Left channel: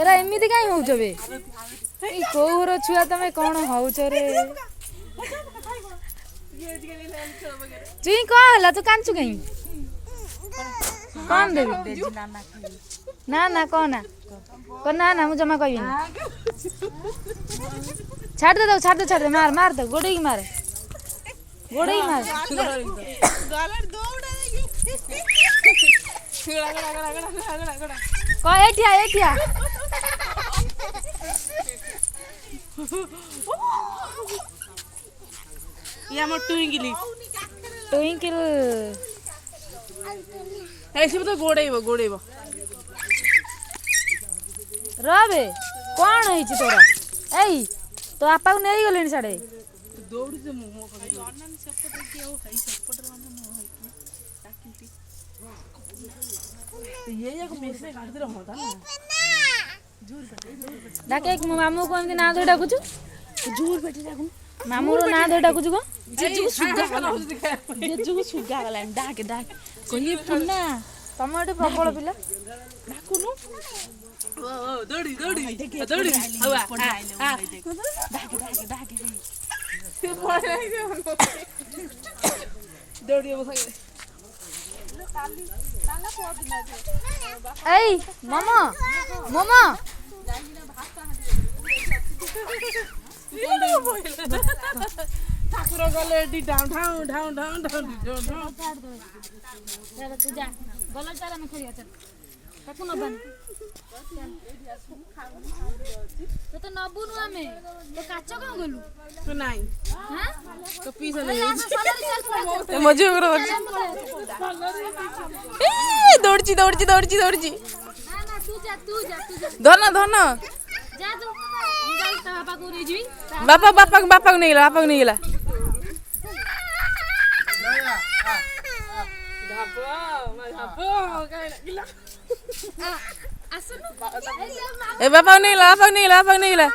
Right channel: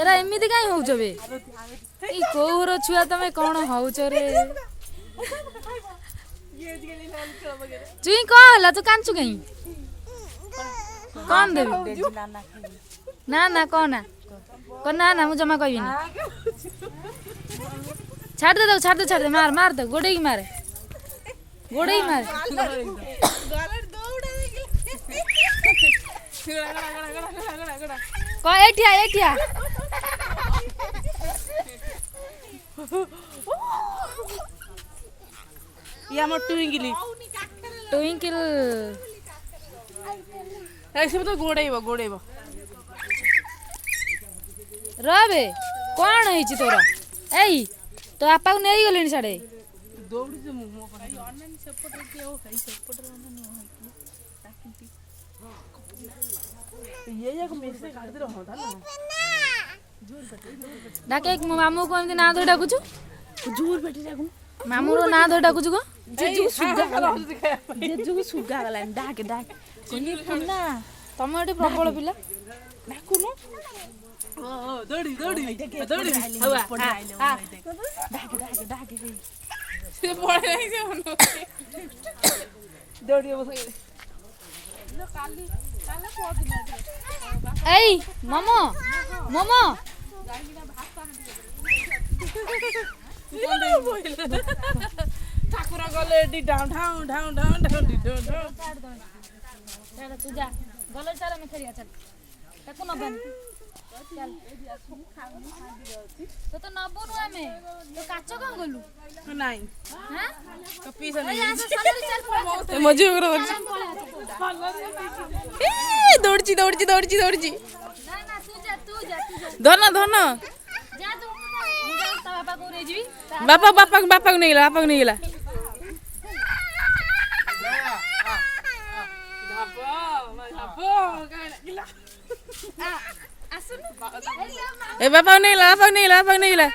Era एमिति काई होउछ बे ई कोहर छुआ तमे कोन होउछ रे चुई को हला तू कांचू गई कौन देबी ना ना कोना कोना ना मु जमा कहबिनी छाड़ दे मार मार दे गोड़े मार को एठिया या म ट्विंकल ऐसे तो गोड़ेबो रबे कौन है तोरा एई तो आपा को नहीं गलेनी साडे दौड़ी से ये को मेरे काट दे रहा था डाके मामू को एमती ना धोई डाकुछु दूर बैठे जागु मामू रो ना धोई डाकुछु को जेजु को सुगा गला डाक कोनी पुन्ना तम एटे प्रबल पिला डाकुनु दौड़ी हवा डाक से पड़े नहीं से दौड़ी बस एई मोमो ठाकुर गले एडी ढाउ चल तू जा बोलो चल मैं खेलिया चल ताको नबन चल तो नबुनु हमें तो काचो का गलु तू नहीं हां तो पीछे ले तो मजे करो दौड़ची ना ना तू जा धन जा तू ता पापा को रे जीवी बापा को नहीं गेला ए बापा नहीं गेला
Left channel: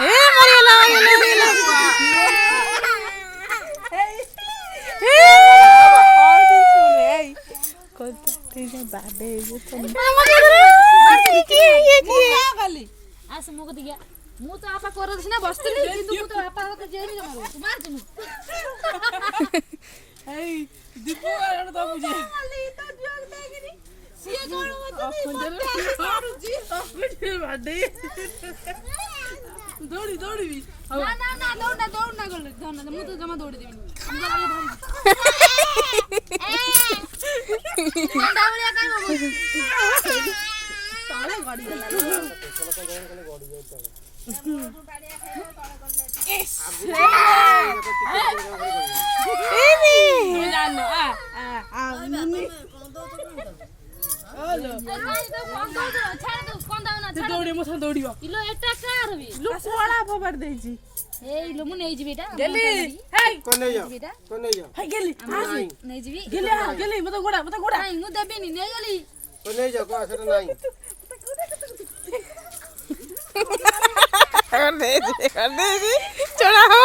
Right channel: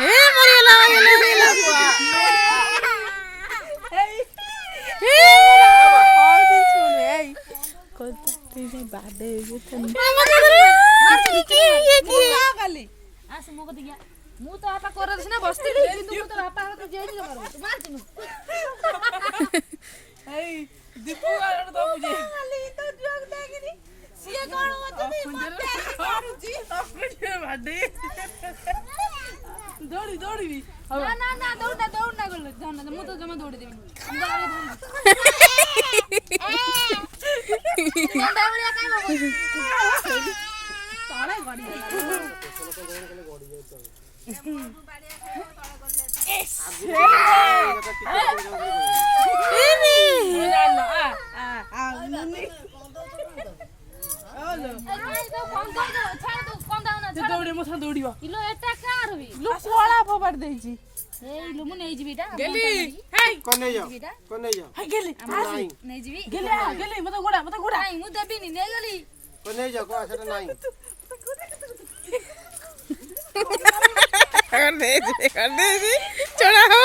ए मरियला मु तो आपा कर ना बसतली किंतु मु तो आपा के जेनी मारो तू मार तू ए दीपू आरो तो मुझे तो जोन देगिनी सिए कोन मारुजी बाडे दौड़ी भी ना दौड़ ना गले धन मु तो जमा दौड़ी देबनी अंडा बलिया का ताले गाड़ी दौड़िबा इलो एटा कार भी लो कोला फबाड़ देजी ए इलो मु नै जिबी एटा गेली हे कोन नहीं जाओ हे गेली नै जिबी गेली मत गोड़ा नहीं मु देबी नि नै गली कोन नहीं जाओ को सेटा नहीं कर दे जी छोड़ा हो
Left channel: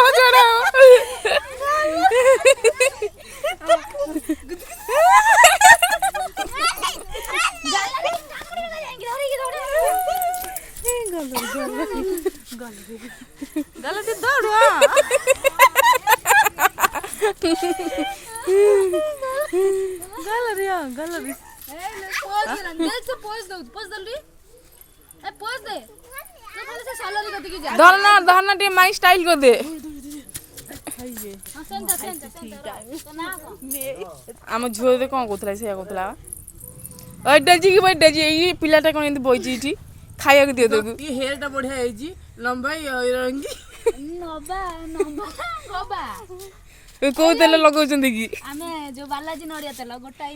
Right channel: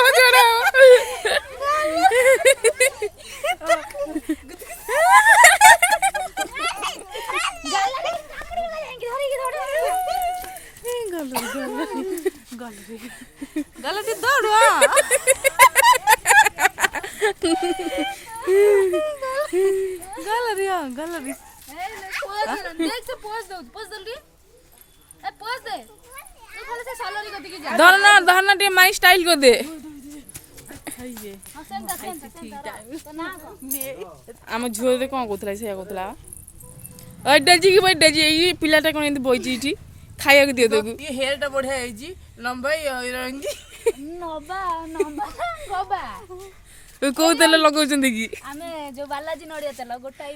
गलती दौड़ गलरी धरना टे माई स्टाइल को दे आम झील दे कौन कहला से कहला डाजी की डाजी ये पिलाटा कौन एमती बइची इठी खाया को दियो तू ये हेयर टा बढ़िया आइजी लंबाई रंगी नबा को तेल लगाउछन की आमे जो बालाजी नडिया तेल गोटाई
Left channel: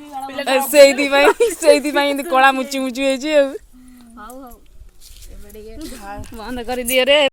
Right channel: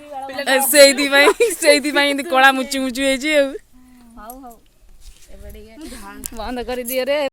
सेही भाई कला मुचु मुचु हेजी हाउ बंद कर दिए रे।